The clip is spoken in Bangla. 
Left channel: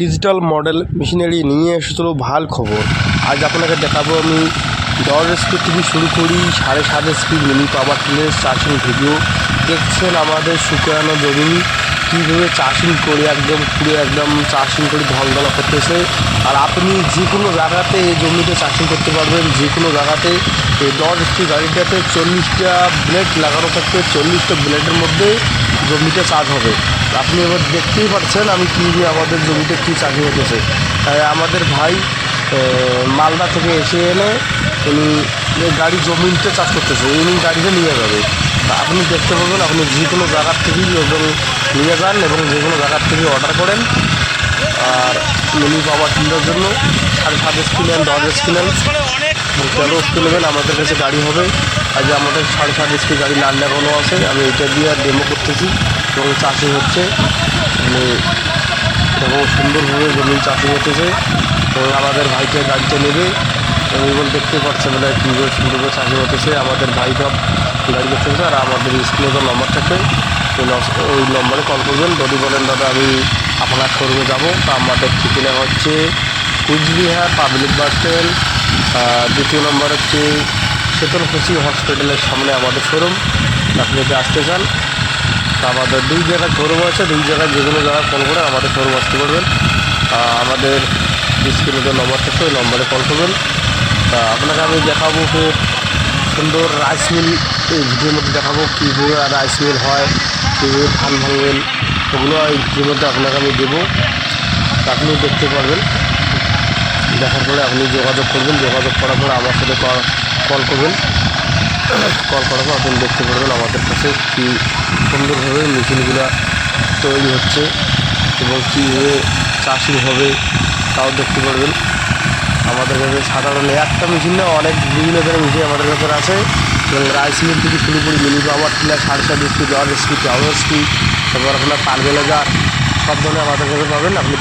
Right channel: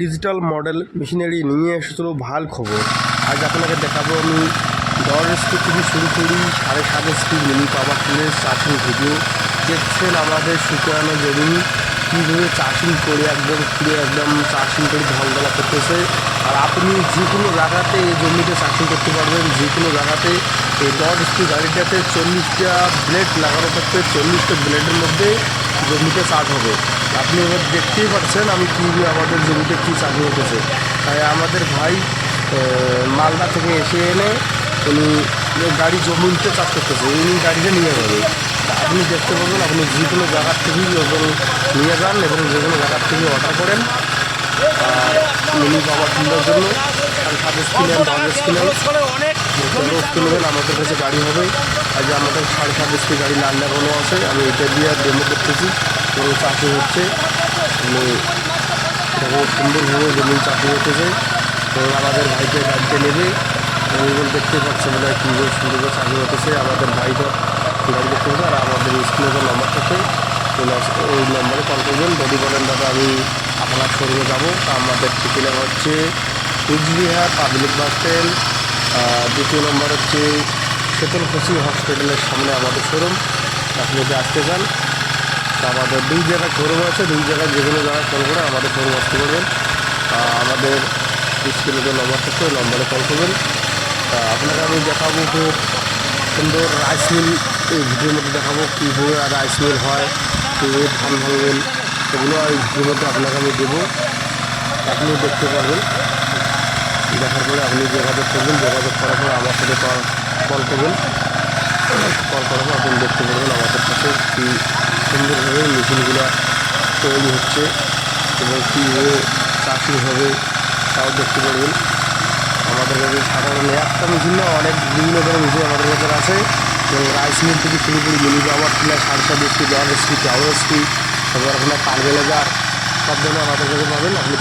ডিজিটাল মডেল মেশিনারি নিয়ে এসেছিল ভালো খবর। আজ আপনাকে দেখাবো আমি 10 স্পিড থেকে শুরু করি 7.5 স্পিড মিনি পাওয়ার টিলার চাষিং ভিডিও। দেখছেন আমাদের শুকানো জমি কীভাবে চাষিং করে একদম পুরো একদম চাষিং করে ঢলঢলা করতেছে। আর আপনি যে কোনো জায়গাতে এই জমিতে চাষিং করতে পারবেন, যে কোনো জায়গাতে। এই 10 স্পিড গাড়িটাতে 40টা ব্লেড লাগানো থাকবে, 40টা ব্লেডের মধ্যে জমিতে চাষ হবে। আপনি এবার দেখতেই পাচ্ছেন আমি কীভাবে আমাদের জমিতে কী চাষি হতেছে। তাই আমাদের ভাই মালদা থেকে এসে এনে উনি গাড়ি জমিতে চাষ করতেছে, উনি গাড়িতে নিয়ে যাবে। তা আপনি দেখতে পাবেন, আপনি যে কোনো জায়গার থেকেই ওজন নিয়ে যান এবং যে কোনো জায়গার থেকে অর্ডার করেন। আর মিনি পাওয়ার টিলার জন্য 7.5 স্পিনাল 10 স্পিনাল 13 স্পিন নেবেন, আমাদের কাছে গাড়ি হবে। আজ আমাদের 7.5 স্পিড গাড়ি লাল লাগানো আছে, আমি এটা দিয়ে ডেমো করতেছি এবং চাষি হচ্ছে। মানে এবং সুন্দরভাবে জমি চাষি হতেছে এবং আমাদের ভাইকে গাড়িতে নেবে এবং এগুলো দেখতে পাচ্ছে বলে কীভাবে সুন্দরভাবে চাষি হতেছে। আমাদের ভাইটা গাড়ি দেখতে পাবে। আর আমাদের স্ক্রিনে যে নম্বর থাকে ওই নম্বরে কল করবেন। যদি বলেন দাদা আমি আপনার শোরুমে যাবো, তা আমাদের ঠিকানা হচ্ছে কুচবিহার পাবলিক বাস স্ট্যান্ড, দ্বিতীয় নম্বর হচ্ছে শীতলকুচি হসপিটালের সামনে আমাদের শোরুম। আপনি যদি আসতে চান তা আমাদের 2 জায়গায় শোরুম আছে, 2 জায়গায় যে কোনো জায়গায় কল করে আমাদের শোরুম আসতে পারবেন। আমাদের স্ক্রিনে যে নম্বর থাকছে ওই নম্বরে কল করবেন। তা আপনাকে আমি দেখাবো খুব সুন্দর রাইস মিল, এই ভিডিওর মধ্যে দেখাবো কীভাবে রাইস মিল হয়, কীভাবে ধান ভাঙবেন, ওগুলো এই ভিডিওর মধ্যে আপনাকে আমি দেবো। আপনি দেখতে পারবেন, দেখার পরে আপনি যোগাযোগ করবেন, যোগাযোগ করার পরে আমার সাথে কল করবেন। কল করার পর আপনি দেখতে পারবেন আমাদের কাছে কী সুন্দরভাবে মেশিনগুলো তৈরি হচ্ছে এবং কীভাবে চাষি হবে তাও দেখতে পারবেন। আমাদের কাছে সাধারণ একটা মেশিন না, অনেক বিভিন্ন ধরনের মেশিন আমাদের কাছে আছে এবং রাইস মিল থেকে শুরু করে mini power tiller 7.5 speed 10 speed 13 speed, তারপর আপনার পারবেলেজার সব ধরনের আমাদের কাছে পাবেন। আপনি